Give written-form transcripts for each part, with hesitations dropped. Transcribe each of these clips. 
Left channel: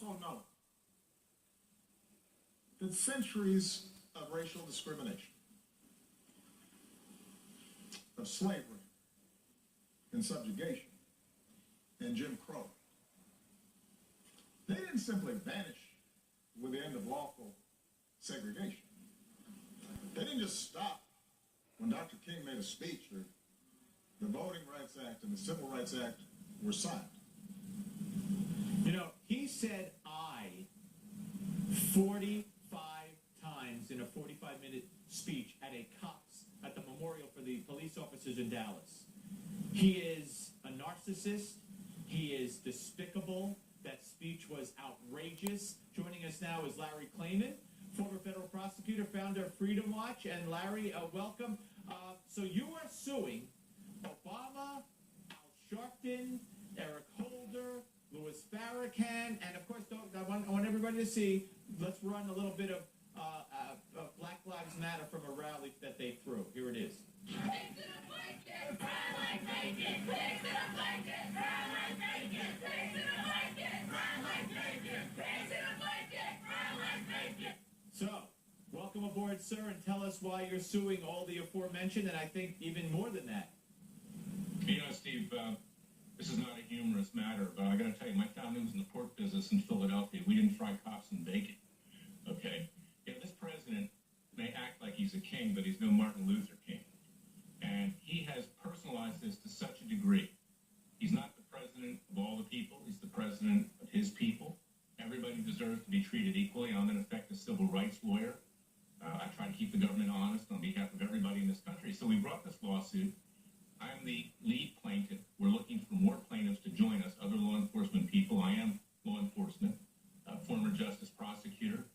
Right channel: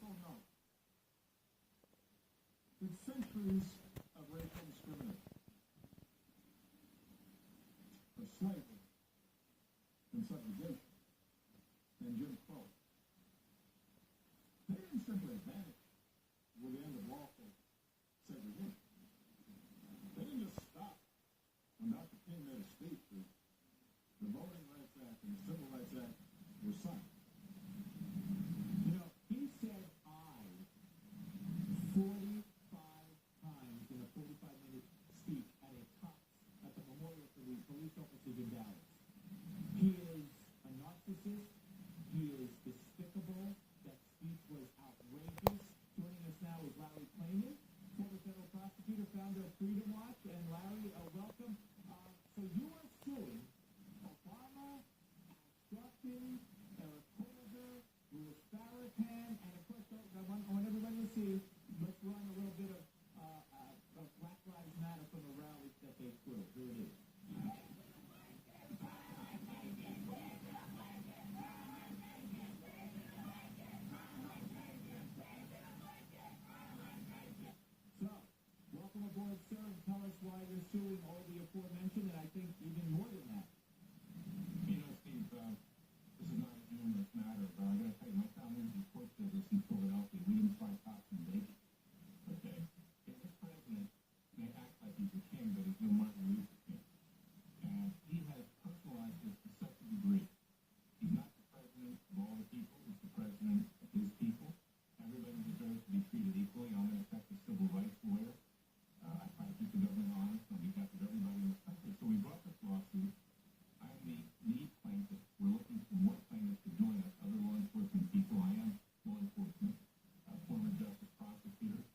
also know that centuries of racial discrimination, of slavery and subjugation and Jim Crow, they didn't simply vanish with the end of lawful segregation. They didn't just stop when Dr. King made a speech or the Voting Rights Act and the Civil Rights Act were signed. You know, he said I 45 times in a 45-minute speech at the memorial for the police officers in Dallas. He is a narcissist. He is despicable. That speech was outrageous. Joining us now is Larry Klayman, former federal prosecutor, founder of Freedom Watch. And Larry, welcome. So you are suing Obama, Al Sharpton, Eric Holder, Louis Farrakhan, and of course, I want everybody to see, let's run a little bit of Black Lives Matter from a rally that they threw. Here it is. So, welcome aboard, sir, and tell us why you're suing all the aforementioned, and I think even more than that. You know, Steve, this is not a humorous matter, but I got to tell you, my family was in the pork business in Philadelphia. We didn't fry cops and bacon, okay? You know, this president may act like he's a king, but he's no Martin Luther King. And he has personalized this to such a degree. He's not the president of all the people. He's the president of his people. Everybody deserves to be treated equally. I'm, in effect, a civil rights lawyer. I try to keep the government honest on behalf of everybody in this country. So we brought this lawsuit. I'm the lead plaintiff. We're looking for more plaintiffs to join us, other law enforcement people. I am law enforcement, former justice prosecutor,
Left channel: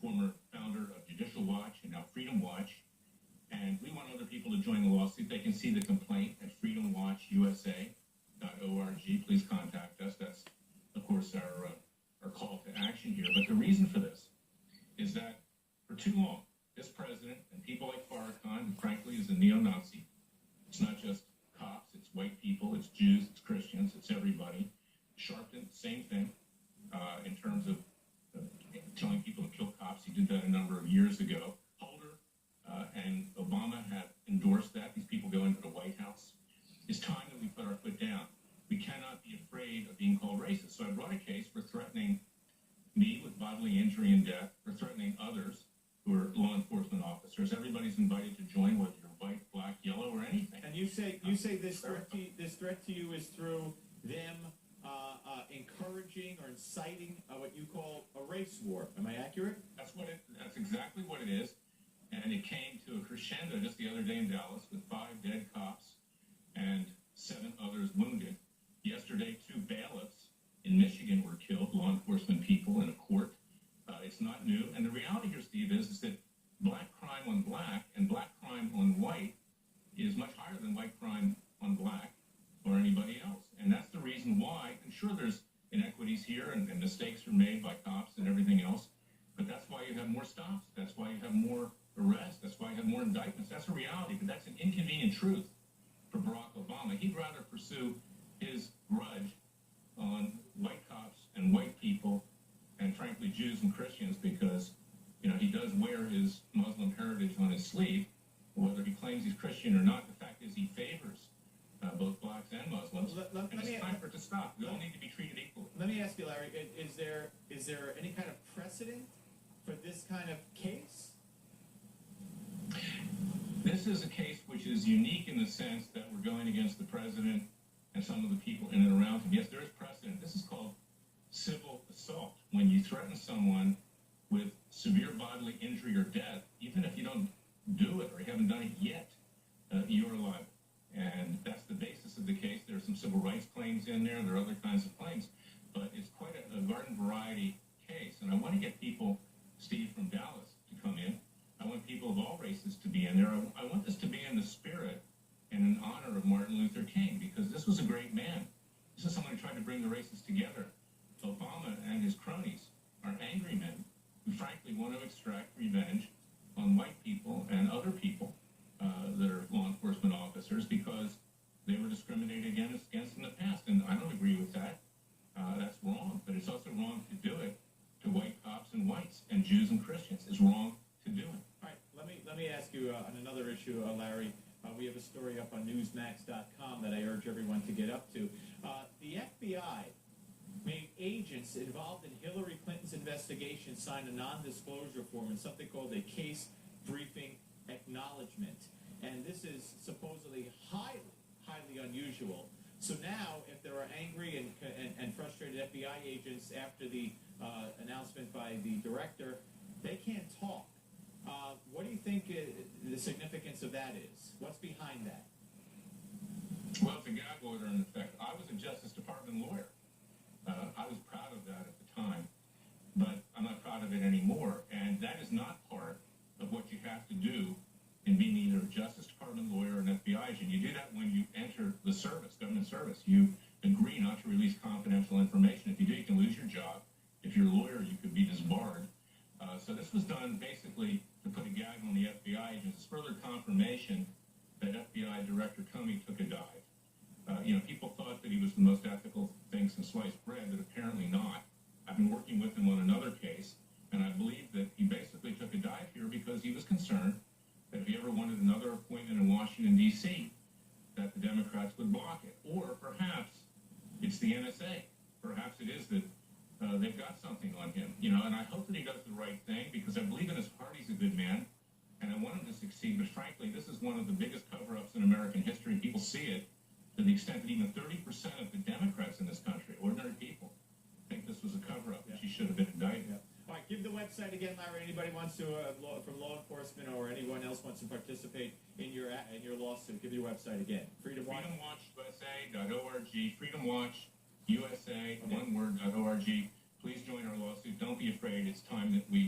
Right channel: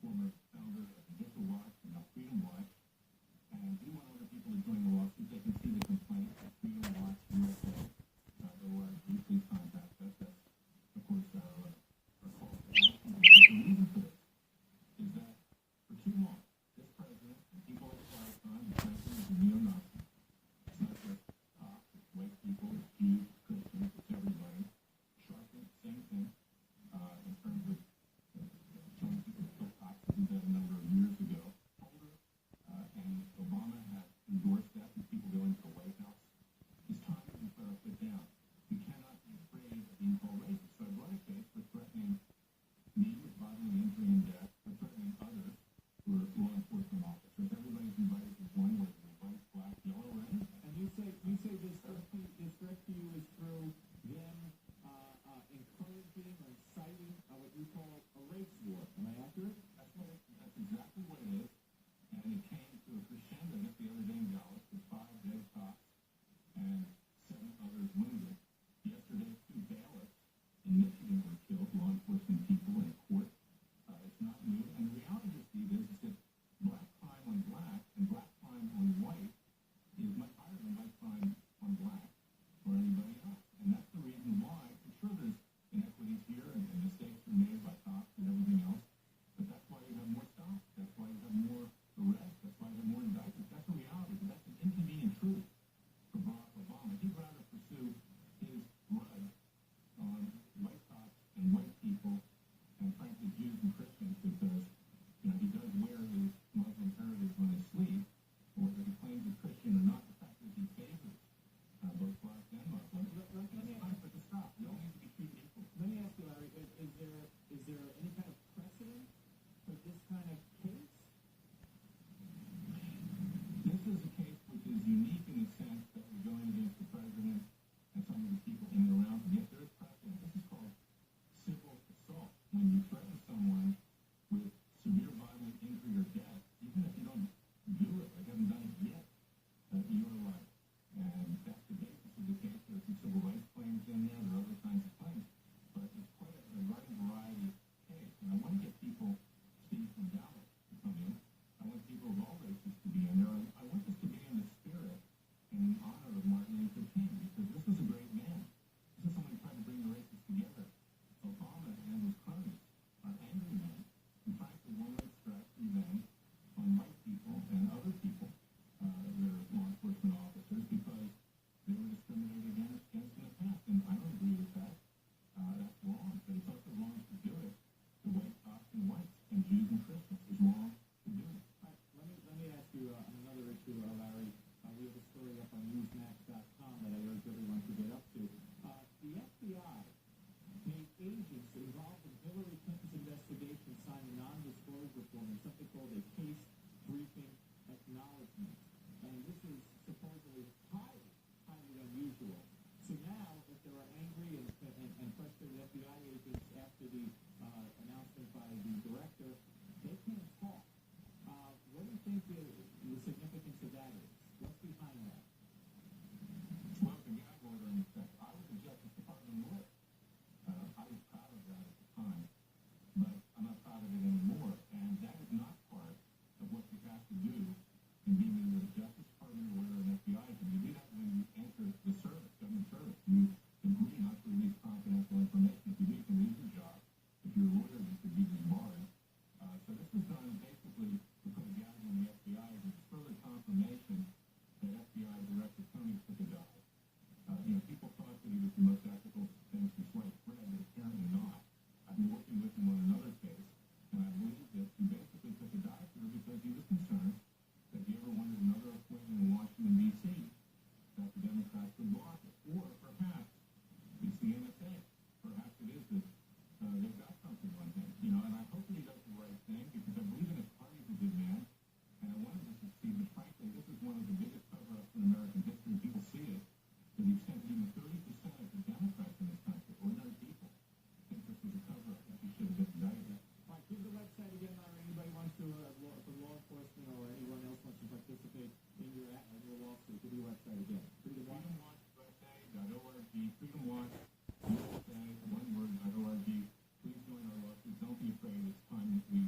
former founder of Judicial Watch and now Freedom Watch. And we want other people to join the lawsuit. They can see the complaint at freedomwatchusa.org. Please contact us. That's, of course, our call to action here. But the reason for this is that for too long, this president and people like Farrakhan, frankly, is a neo-Nazi. It's not just cops, it's white people, it's Jews, it's Christians, it's everybody. Sharpton, same thing, in terms of telling people to kill cops. He did that a number of years ago. Holder and Obama have endorsed that. These people go into the White House. It's time that we put our foot down. We cannot be afraid of being called racist. So I brought a case for threatening me with bodily injury and death, for threatening others who are law enforcement officers. Everybody's invited to join, whether you're white, black, yellow, or anything. And you say this threat to you is through them encouraging or inciting what you call a race war. Am I accurate? That's exactly what it is. And it came to a crescendo just the other day in Dallas with 5 dead cops and 7 others wounded. Yesterday, 2 bailiffs in Michigan were killed, law enforcement people in a court. It's not new. And the reality here, Steve, is that black crime on black and black crime on white is much higher than white crime on black or anybody else. And that's the reason why, and sure, there's inequities here and mistakes are made by cops and everything else, but that's why you have more stops. That's why you have more arrests. That's why you have more indictments. That's a reality, but that's an inconvenient truth for Barack Obama. He'd rather pursue his grudge on white cops and white people and, frankly, Jews and Christians because, you know, he does wear his Muslim heritage on his sleeve. Whether he claims he's Christian or not, the fact is he favors both blacks and Muslims. And it's time for it to stop. We all need to be treated equally. Let me ask you, Larry, is there any kind of precedent for this kind of case? This is a case which is unique in the sense that we're going against the president and some of the people in and around him. Yes, there is precedent. This is called civil assault. When you threaten someone with severe bodily injury or death, even if you don't do it or you haven't done it yet, you're liable. And that's the basis of the case. There are some civil rights claims in there. There are other kinds of claims. But it's quite a garden variety case. And I want to get people, Steve, from Dallas to come in. I want people of all races to be in there. I want this to be in the spirit and in honor of Martin Luther King, because this was a great man. This is someone who tried to bring the races together. Obama and his cronies are angry men Jews and Christians. It's wrong to do it. All right, let me ask you on another issue, Larry. We have a story up on Newsmax.com that I urge everyone to get up to. The FBI made agents involved in Hillary Clinton's investigation sign a non-disclosure form in something called a case briefing acknowledgement. And this is supposedly highly unusual. So now, if there are angry and frustrated FBI agents after the announcement by the director, they can't talk. What do you think the significance of that is? What's behind that? Well, it's a gag order in effect. I was a Justice Department lawyer. I was proud of that at the time, but I'm not proud of it anymore. And that is not part of what you have to do in being either a Justice Department lawyer or an FBI agent. You do that when you enter the service, government service. You agree not to release confidential information. If you do, you can lose your job. If you're a lawyer, you could be disbarred. So this was done basically to put a gag on the FBI agents. It's further confirmation that FBI Director Comey took a dive. People thought that he was the most ethical thing since sliced bread, but apparently not. I've been working with him on another case, and I believe that he basically took a dive here because he was concerned that if he ever wanted another appointment in Washington, D.C., that the Democrats would block it. Or perhaps it's the NSA. Perhaps it is that they've got something on him. And I hope that he does the right thing because I believe in his heart he's a good man, and I want him to succeed. But frankly, this is one of the biggest cover-ups in American history. People see it to the extent that even 30% of the Democrats in this country, ordinary people, think this was a cover-up and she should have been indicted. Yeah. All right, give the website again, Larry. Anybody wants to, from law enforcement or anyone else wants to participate in your lawsuit, give your website again. FreedomWatchUSA.org. FreedomWatchUSA, one word, .org. Please join our lawsuit. Don't be afraid. It's time that we